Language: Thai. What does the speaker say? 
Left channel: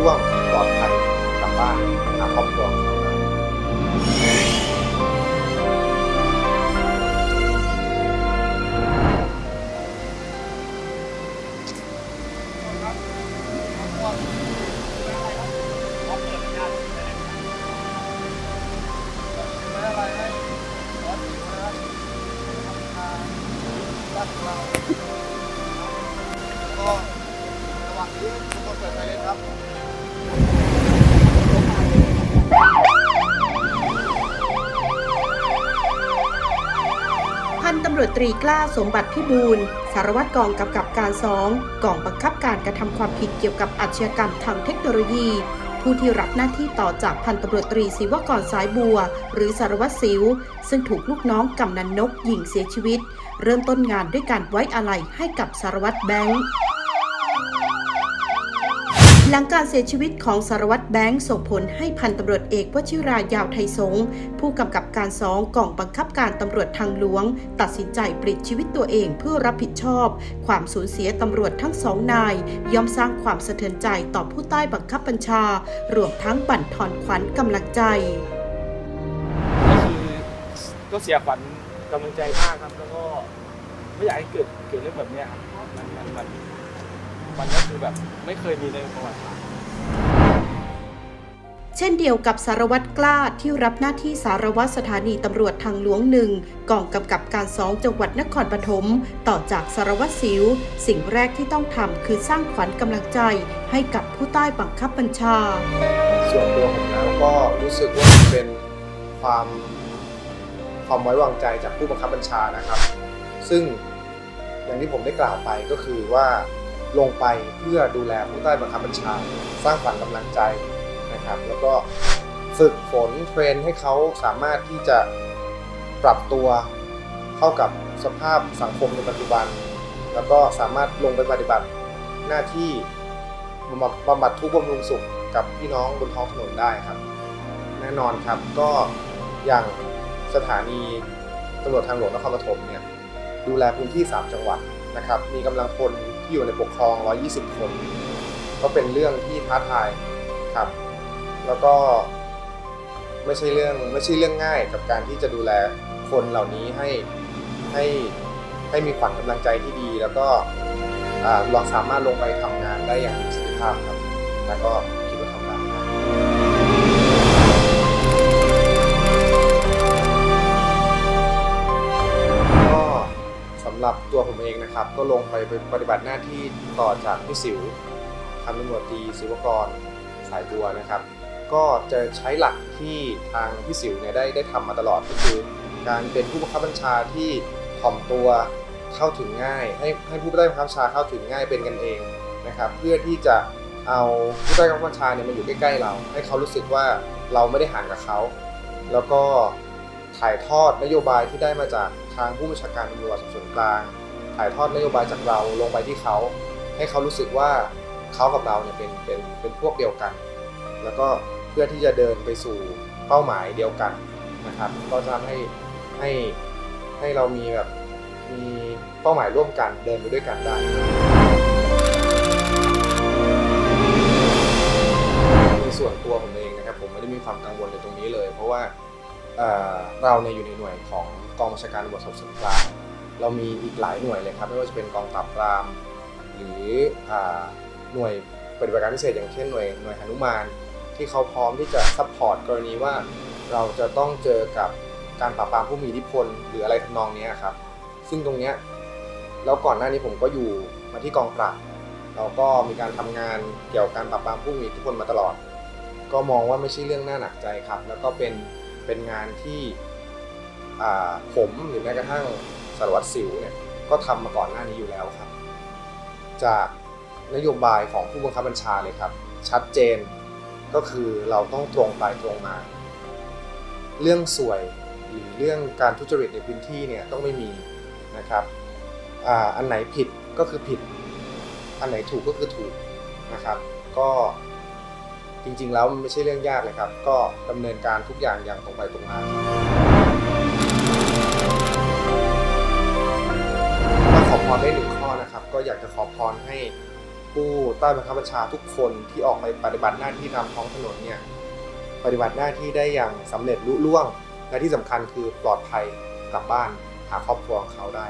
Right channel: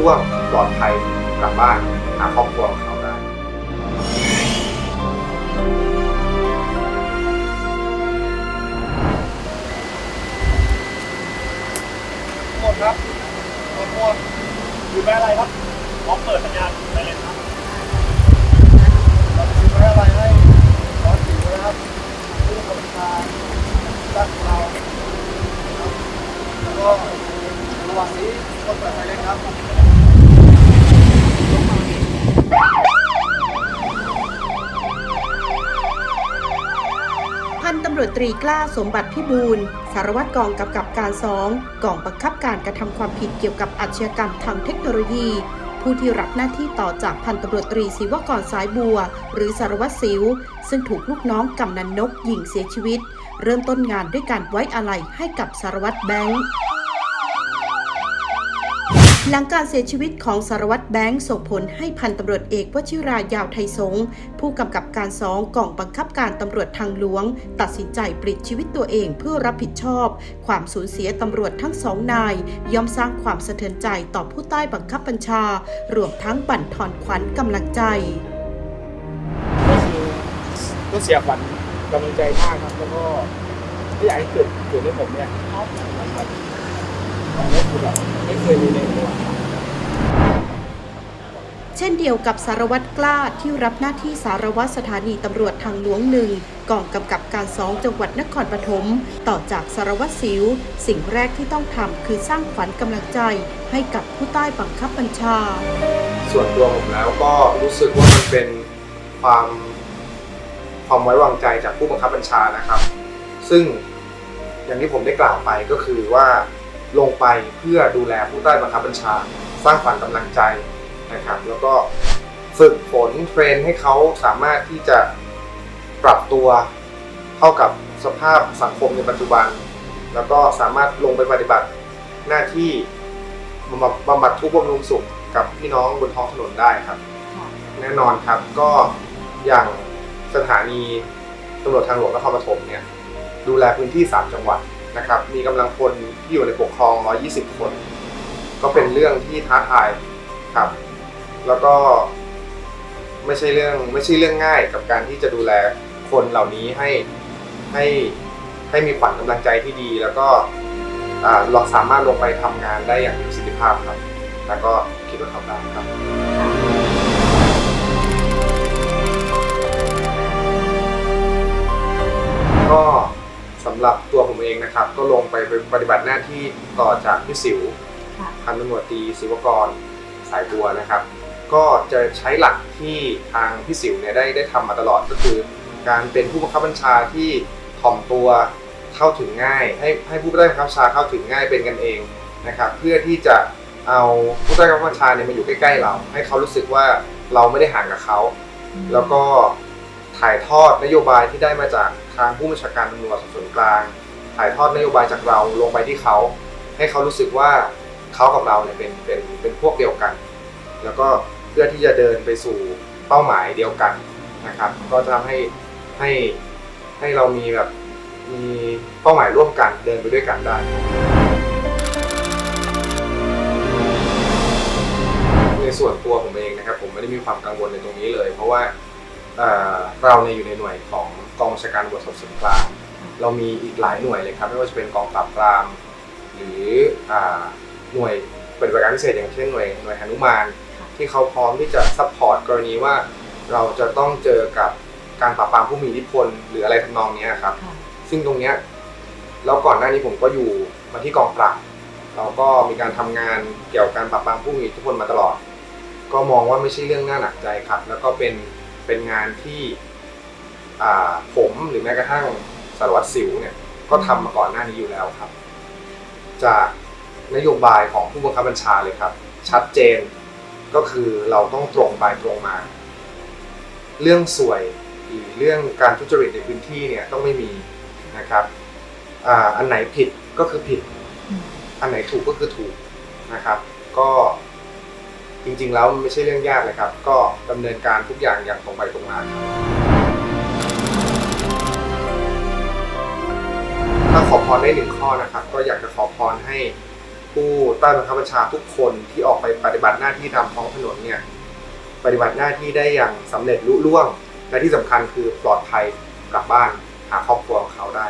ร่วงปลอดภัยกลับบ้านหาครอบครัวของเขาได้หมดครับหมดหมอยู่แม่อะไรครับพร้อมเปิด พันตำรวจตรีกล้าสมบัติพิบูลสารวัตรกองกำกับการสองกองบังคับการกระทำความผิดเกี่ยวกับอาชญากรรมทางเทคโนโลยี ผู้ที่รับหน้าที่ต่อจากพันตำรวจตรีศิวกรสายบัว หรือสารวัตรสิว ซึ่งถูกลูกน้องกำนันนกยิงเสียชีวิต เริ่มต้นงานด้วยการไว้อาลัยให้กับสารวัตรแบงค์ หลังการเสียชีวิตของสารวัตรแบงค์ส่งผลให้พันตำรวจเอกวชิรายาวไทยสงผู้กำกับการสองกองบังคับการตำรวจทางหลวง ตัดสินใจปลิดชีวิตตัวเองเพื่อรับผิดชอบ ความสูญเสียตำรวจทั้งสองนาย ย่อมสร้างความสะเทือนใจต่อผู้ใต้บังคับบัญชา รวมทั้งบั่นทอนขวัญกำลังใจก็เสียขวัญกำลังใจมากครับ แล้วก็ไม่อยากให้เกิดเกิดให้ผมเนี่ยนะครับ ก็คือแบบไม่เคยมีเลยว่าเช่นเดียวกับสารวัตรกล้าที่รับหน้าที่สารวัตรสถานีตำรวจทางหลวงหนึ่งกองกำกับการสองจังหวัดนครปฐมต่อจากสารวัตรสิว สิ่งแรกที่ต้องทำคือสร้างขวัญกำลังใจให้กับผู้ใต้บังคับบัญชา ส่วนตัวผมแล้วก็รู้สึกว่ามันเป็นความความไว้วางใจจากผู้บังคับบัญชานะครับ ซึ่งอย่างที่ผมได้กล่าวไปก็คือว่า ลงไปเพื่อดูแลผู้ใต้บังคับบัญชา สร้างขวัญกำลังใจนะครับ แล้วก็ฝึกฝนเทรนให้เขาสามารถที่จะปรับตัวเข้ากับสภาพสังคมในปัจจุบัน แล้วก็สามารถลงไปปฏิบัติหน้าที่บำบัดทุกข์บำรุงสุขกับพี่น้องบนท้องถนนได้ครับ แน่นอนครับก็อย่างสถานีตำรวจทางหลวงนครปฐมเนี่ยดูแลพื้นที่ 3 จังหวัดนะครับ มีกำลังพล ที่อยู่ในปกครอง 120 คน ก็เป็นเรื่องที่ท้าทายครับ แล้วก็ไม่ใช่เรื่องไม่ใช่เรื่องง่ายกับการที่จะดูแลคนเหล่านี้ให้ให้ให้มีขวัญกำลังใจที่ดี แล้วก็อ่าเราสามารถลงไปทำงานได้อย่างมีประสิทธิภาพครับ แล้วก็คิดว่าทำได้ครับำหรับตัวผมเองนะครับ ก็ลงไปปฏิบัติหน้าที่ต่อจากพี่สิวพันตำรวจตรีศิวกรสายบัวนะครับ ก็จะใช้หลักที่ทางพี่สิวเนี่ยได้ได้ทำมาตลอดก็คือ การเป็นผู้บังคับบัญชาที่ถ่อมตัวเข้าถึงง่าย ให้ให้ผู้ใต้บังคับบัญชาเข้าถึงง่ายเป็นกันเองนะครับ เพื่อที่จะเอาผู้ใต้บังคับบัญชาเนี่ยมาอยู่ใกล้ๆเรา ให้เขารู้สึกว่าเราไม่ได้ห่างกับเขา แล้วก็ ถ่ายทอดนโยบายที่ได้มาจากทางผู้บัญชาการตำรวจสอบสวนกลาง ถ่ายทอดนโยบายจากเราลงไปที่เขา ให้เขารู้สึกว่าเขากับเราเนี่ยเป็นเป็นเป็นพวกเดียวกัน แล้วก็เพื่อที่จะเดินไปสู่เป้าหมายเดียวกันนะครับ ก็จะทำให้ให้ให้เรามีแบบมีเป้าหมายร่วมกันเดินไปด้วยกันได้ในส่วนตัวผมเองนะครับผมไม่ได้มีความกังวลในตรงนี้เลย เพราะว่า เอ่อเราเนี่ยอยู่ในหน่วยของกองบัญชาการตำรวจสอบสวนกลางเรามีอีกหลายหน่วยเลยครับไม่ว่าจะเป็นกองปราบปราม หรืออ่าหน่วยปฏิบัติการพิเศษอย่างเช่นหน่วยหน่วยหนุมานที่เขาพร้อมที่จะซัพพอร์ตกรณีว่าเราจะต้องเจอกับการปราบปรามผู้มีอิทธิพลหรืออะไรทำนองเนี้ยครับ ซึ่งตรงเนี้ยแล้วก่อนหน้านี้ผมก็อยู่มาที่กองปราบเราก็มีการทำงานเกี่ยวกับการปราบปรามผู้มีอิทธิพลมาตลอด ก็มองว่าไม่ใช่เรื่องน่าหนักใจครับ แล้วก็เป็น เป็นงานที่ผมหรือแม้กระทั่งสารวัตรสิวเนี่ยก็ทำมาก่อนหน้านี้อยู่แล้วครับ จากนโยบายของผู้บังคับบัญชาเลยครับ ชัดเจนก็คือเราต้องตรงไปตรงมา เรื่องสวยหรือเรื่องการทุจริตในพื้นที่เนี่ยต้องไม่มีนะครับออันไหนผิดก็คือผิด อันไหนถูกก็คือถูกนะครับ ก็ จริงๆแล้วมันไม่ใช่เรื่องยากเลยครับ ก็ดำเนินการทุกอย่างอย่างตรงไปตรงมาถ้าขอพรได้หนึ่งข้อนะครับ ก็อยากจะขอพรให้ผู้ใต้บังคับบัญชาทุกคนที่ออกไปปฏิบัติหน้าที่ตามท้องถนนเนี่ยปฏิบัติหน้าที่ได้อย่างสำเร็จลุล่วง และที่สำคัญคือปลอดภัยกลับบ้านหาครอบครัวของเขาได้